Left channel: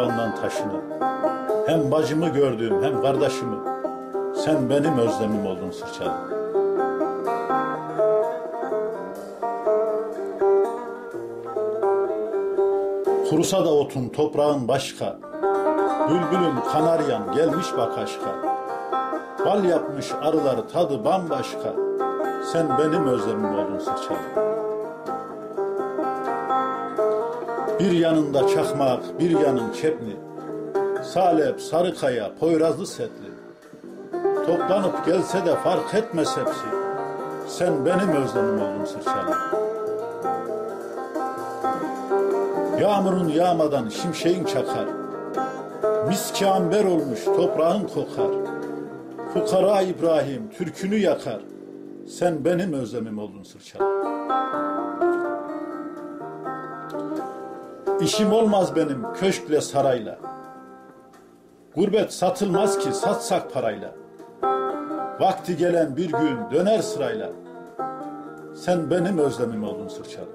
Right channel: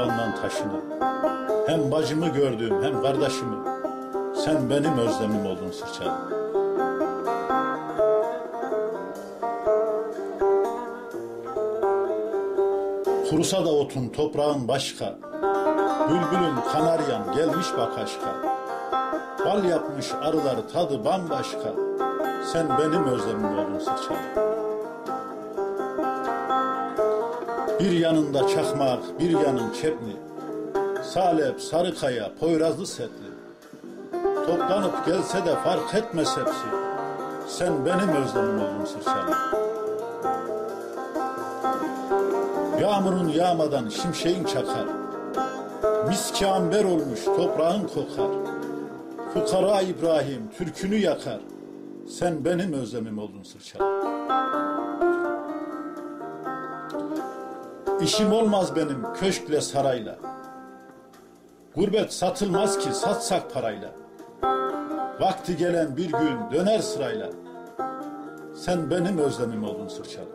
Toprağından taşını Hem bacımı gördüğüm hem kardeşimi. Sen benim özlemim oldun sırçalı Kurusa da otun toprağın başka. Bülbülüm kanaryan gelmiş bak aşka. Bal yapmış arılar tadı bambaşka. Sen benim özlemim oldun sırçalı Bir yanında çakmak, bir yanın çepni Salep, Sarıkaya, Poyrazlı setli. Toplanıp gelse de fark etmez hepsi. Sen benim özlemim oldun sırçalı Yağmurun yağmadan şimşeğin çakar. Miski amber olmuş toprağın kokar. Fukara İbrahim türkünü yakar. Sen benim özlemim oldun sırçalı İşim olmaz benim köşkle sarayla. Gurbet satılmaz ki satsak parayla. Vakti gelen bir gün döner sırayla. Sen benim özlemim oldun sırçalı.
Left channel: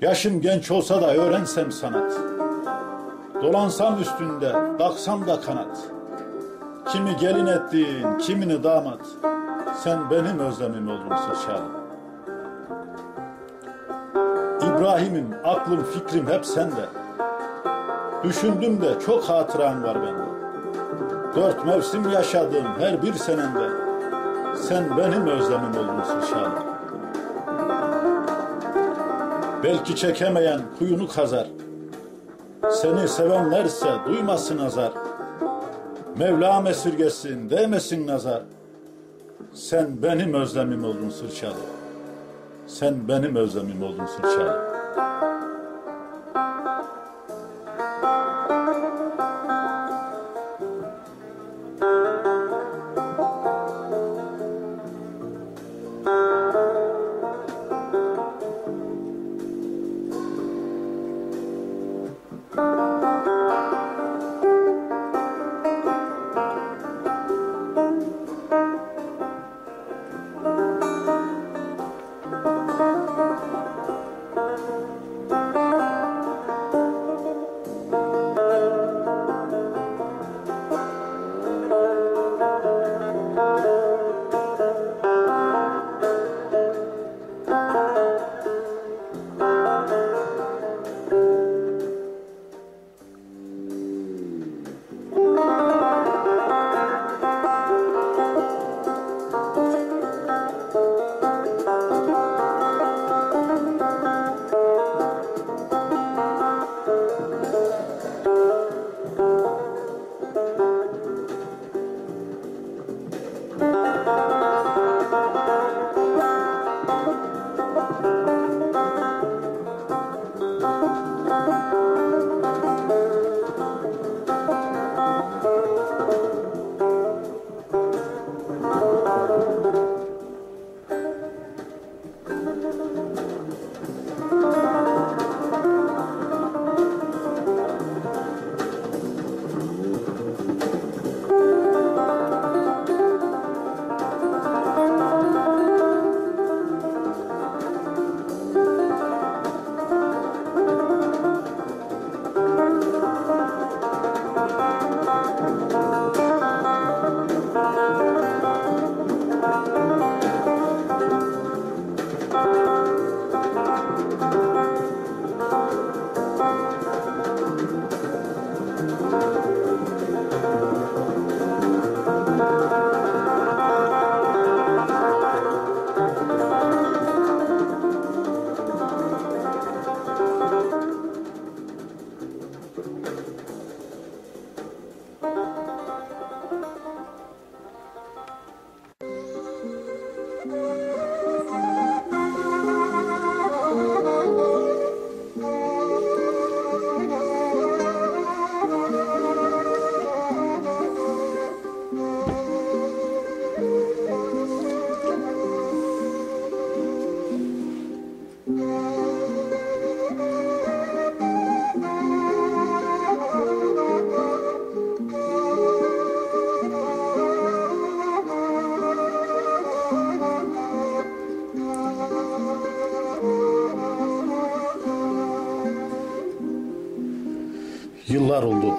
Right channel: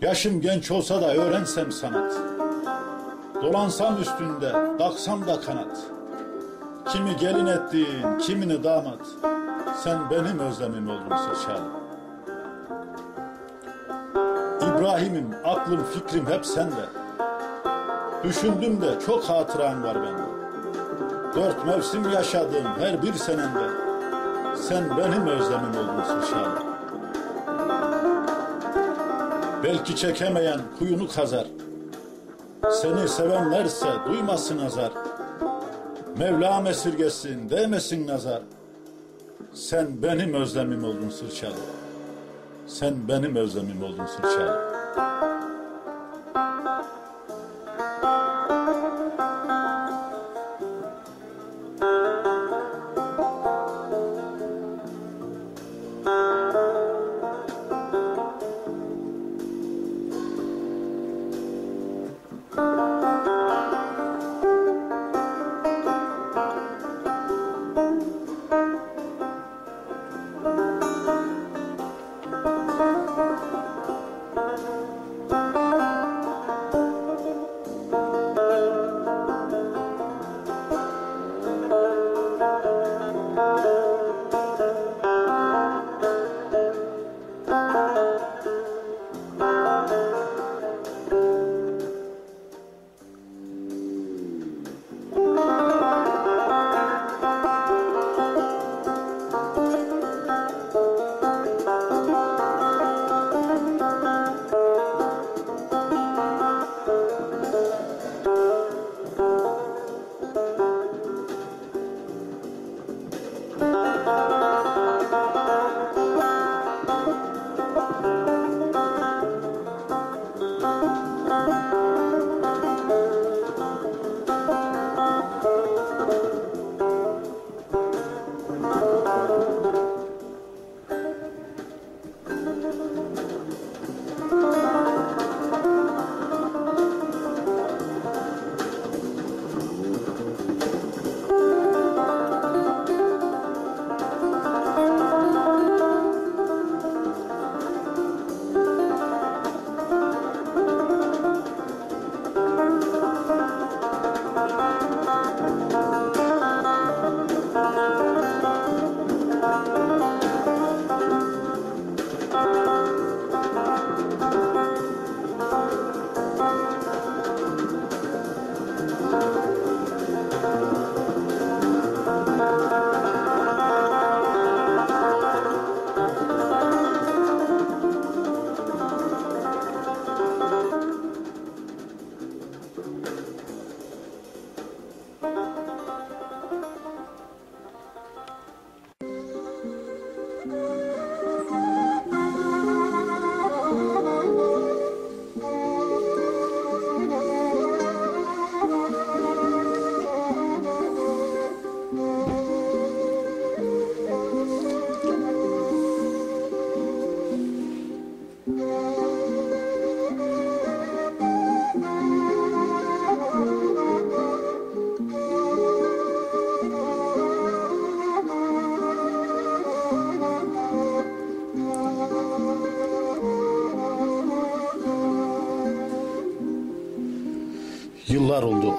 Yaşım genç olsa da öğrensem sanat. Dolansam üstünde, daksam da kanat. Kimi gelin ettiğin, kimini damat. Sen benim özlemim oldun sırçalı İbrahim'im, aklım, fikrim hep sende. Düşündüm de çok hatıran var bende. Dört mevsim yaşadım her bir senende. Sen benim özlemim oldun sırçalı Belki çekemeyen kuyunu kazar. Seni sevenlerse duymasın azar. Mevlam esirgesin değmesin nazar. Sen benim özlemim oldun sırçalı Sen benim özlemim oldun sırçalı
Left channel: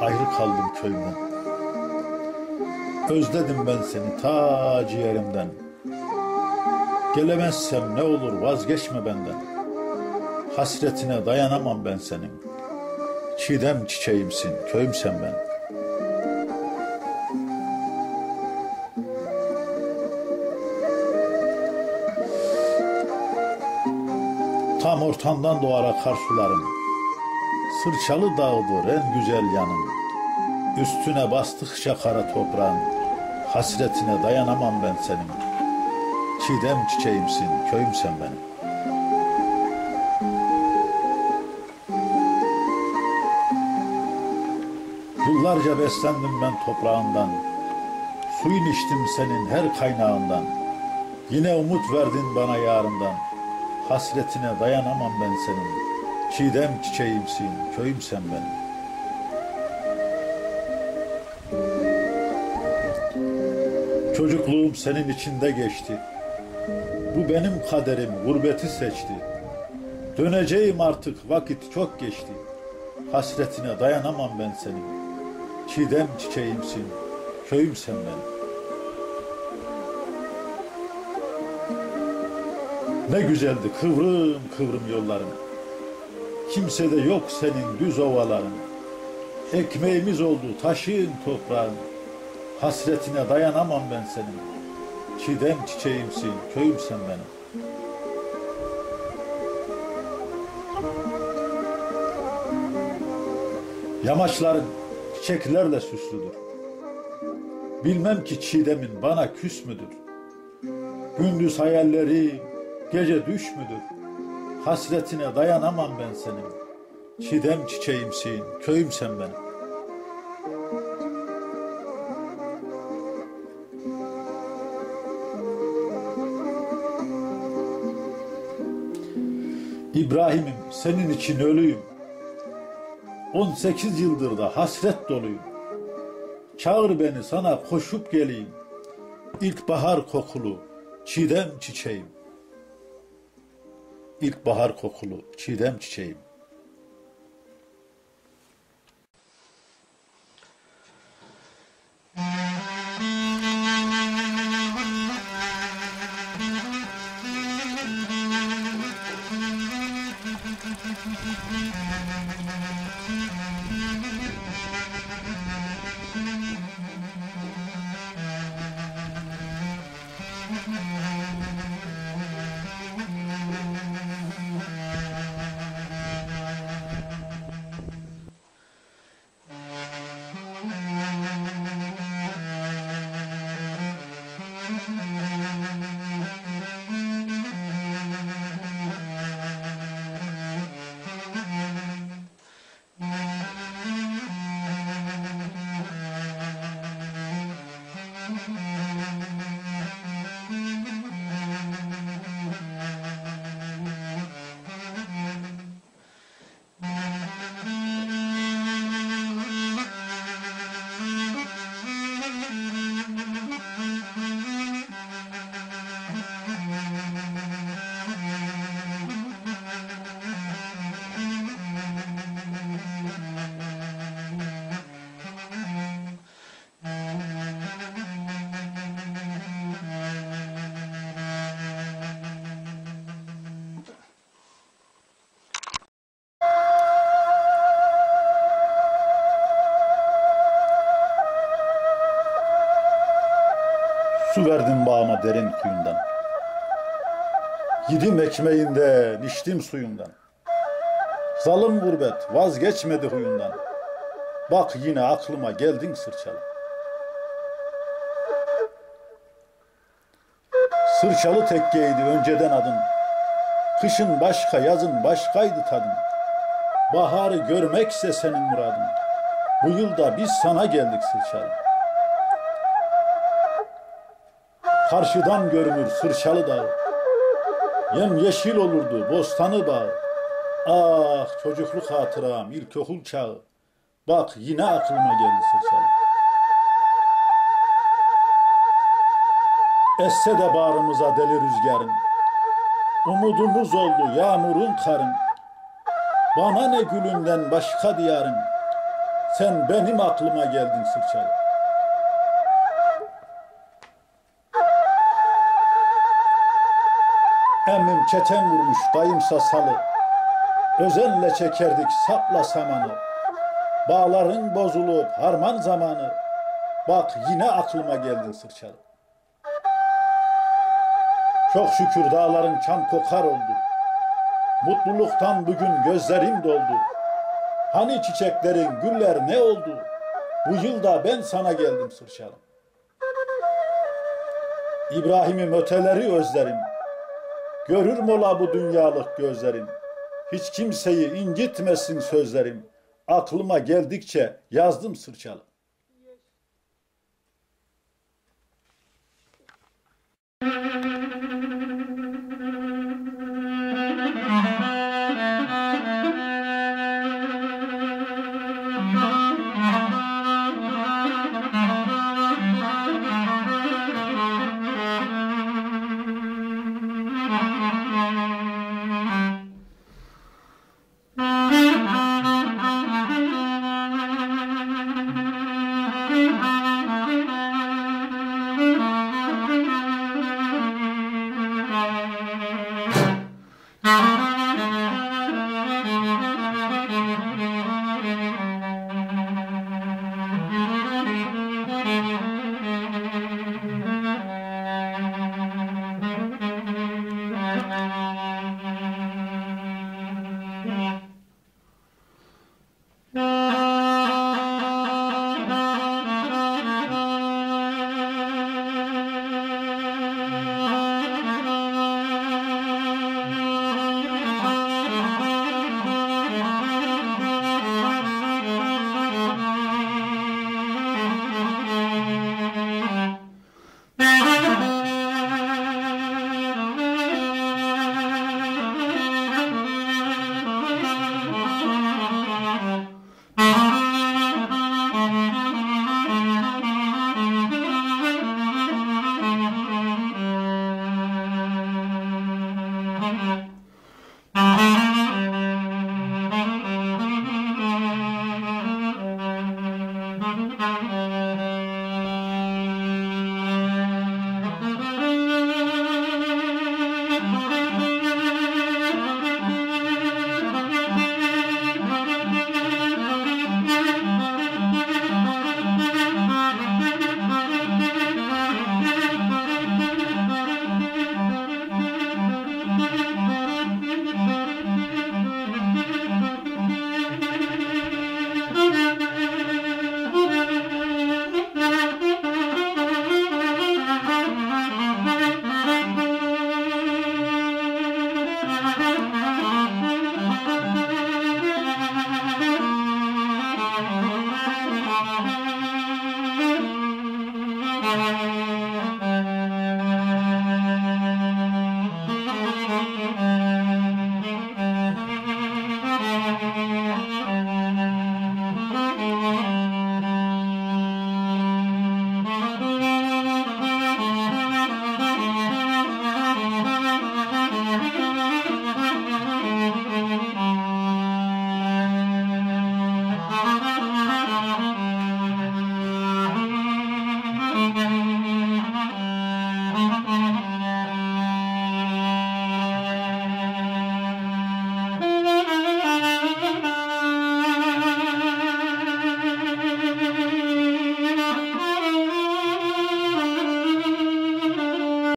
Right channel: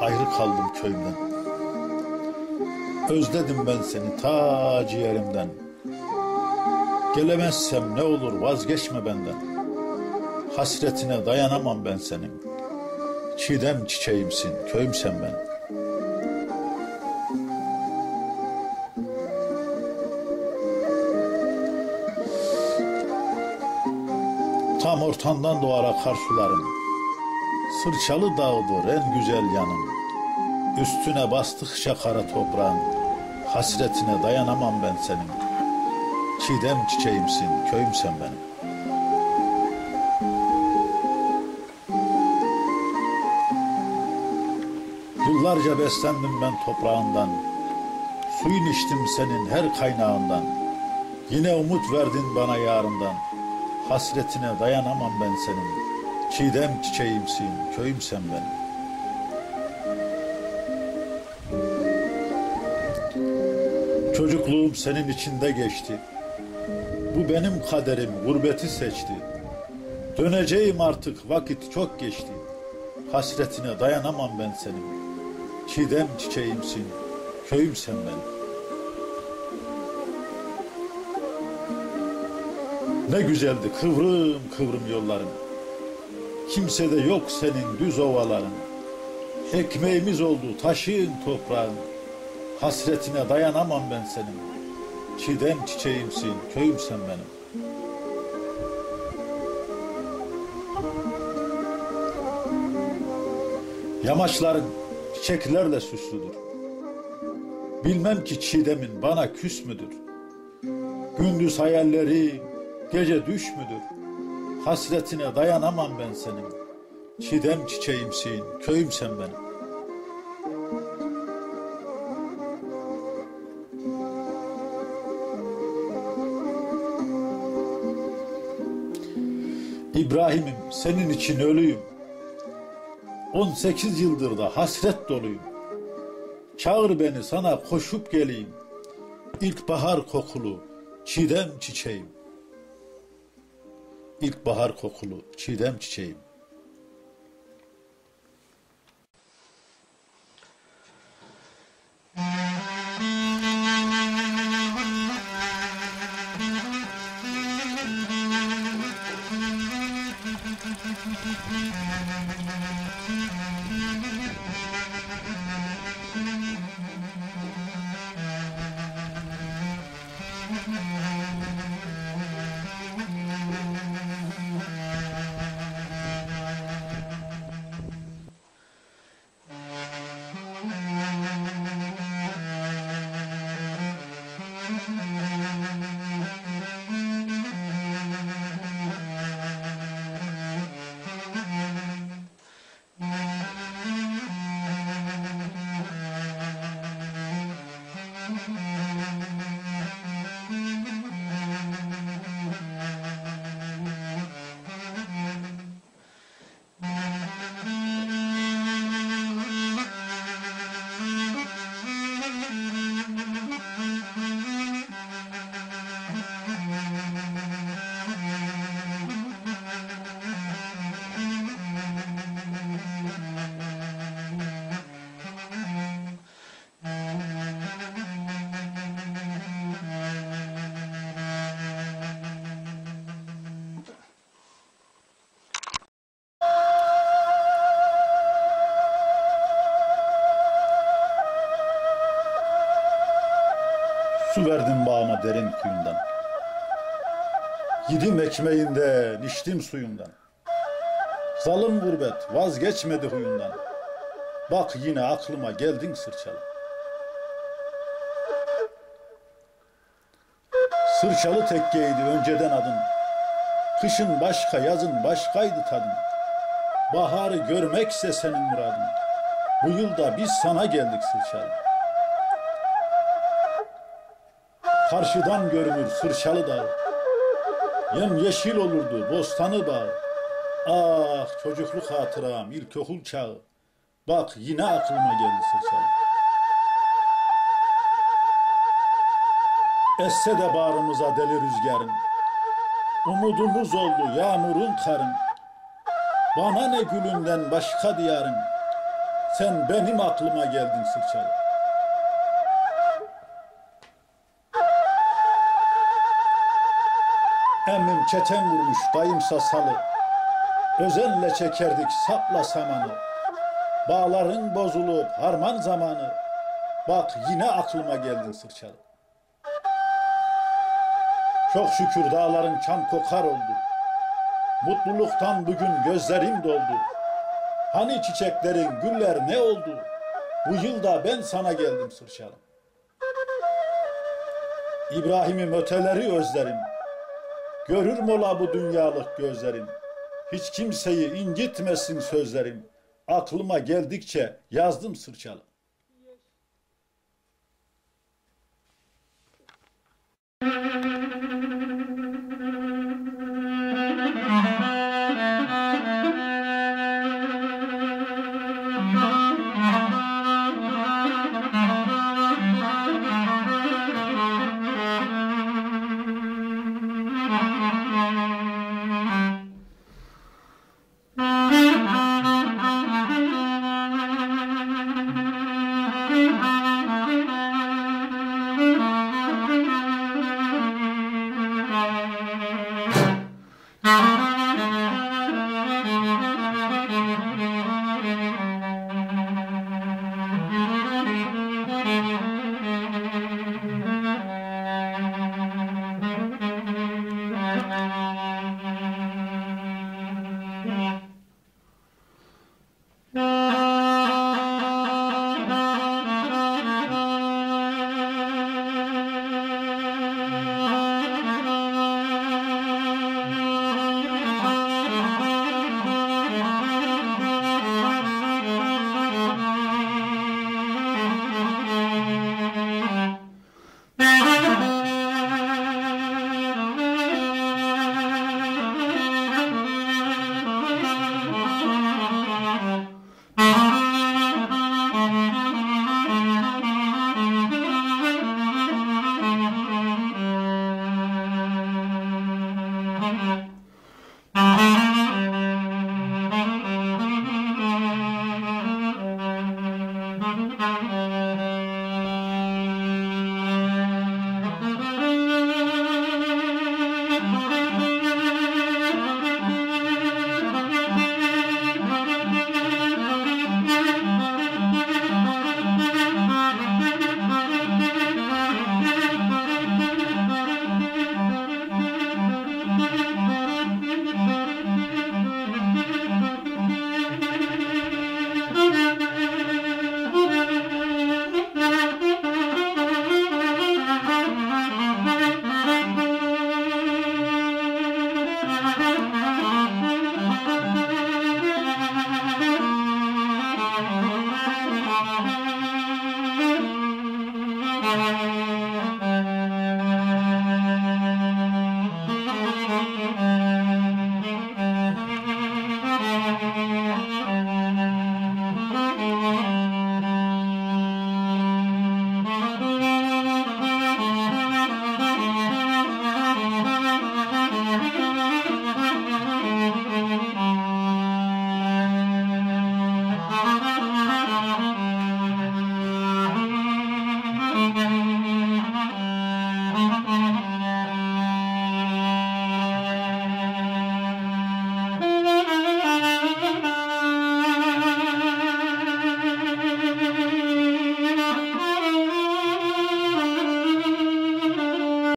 ayrı kaldım köyümden. Özledim ben seni ta ciğerimden. Gelemezsem ne olur vazgeçme benden. Hasretine dayanamam ben senin. Çiğdem çiçeğimsin, köyümsen ben. Tam ortandan doğar akar sularım. Sırçalı dağdır en güzel yanım. Üstüne bastıkça kara toprağın. Hasretine dayanamam ben senin. Çiğdem çiçeğimsin, köyümsen benim. Yıllarca beslendim ben toprağından. Suyun içtim senin her kaynağından. Yine umut verdin bana yarından. Hasretine dayanamam ben senin. Çiğdem çiçeğimsin, köyümsen benim. Çocukluğum senin içinde geçti. Bu benim kaderim, gurbeti seçti. Döneceğim artık, vakit çok geçti. Hasretine dayanamam ben senin. Çiğdem çiçeğimsin, köyümsen benim. Ne güzeldi kıvrım kıvrım yolların. Kimse de yok senin düz ovaların. Ekmeğimiz oldu taşın toprağın. Hasretine dayanamam ben senin. Çiğdem çiçeğimsin, köyümsen benim. Yamaçların çiçeklerle süslüdür. Bilmem ki çiğdemin bana küs müdür? Gündüz hayalleri, gece düş müdür? Hasretine dayanamam ben senin. Çiğdem çiçeğimsin, köyümsen benim. İbrahim'im senin için ölüyüm. 18 yıldır da hasret doluyum. Çağır beni sana koşup geleyim. İlkbahar kokulu çiğdem çiçeğim. İlkbahar kokulu çiğdem çiçeğim. Su verdim bağıma derin kuyundan. Yedim ekmeğinden, içtim suyundan. Zalim gurbet vazgeçmedi huyundan. Bak yine aklıma geldin sırçalı. Sırçalı tekkeydi önceden adın. Kışın başka, yazın başkaydı tadın. Baharı görmekse senin muradın. Bu yılda biz sana geldik sırçalı. Karşıdan görünür sırçalı dağ. Yem yeşil olurdu bostanı bağ. Ah çocukluk hatıram ilkokul çağı. Bak yine aklıma geldi sırçalı. Esse de bağrımıza deli rüzgarın. Umudumuz oldu yağmurun karın. Bana ne gülünden başka diyarın. Sen benim aklıma geldin sırçalı. Emmim keten vurmuş dayımsa salı. Özenle çekerdik sapla samanı. Bağların bozulup harman zamanı. Bak yine aklıma geldin sırçalı. Çok şükür dağların çam kokar oldu. Mutluluktan bugün gözlerim doldu. Hani çiçeklerin, güller ne oldu? Bu yılda ben sana geldim sırçalım. İbrahim'im öteleri özlerim. Görür mola bu dünyalık gözlerim. Hiç kimseyi incitmesin sözlerim. Aklıma geldikçe yazdım sırçalım.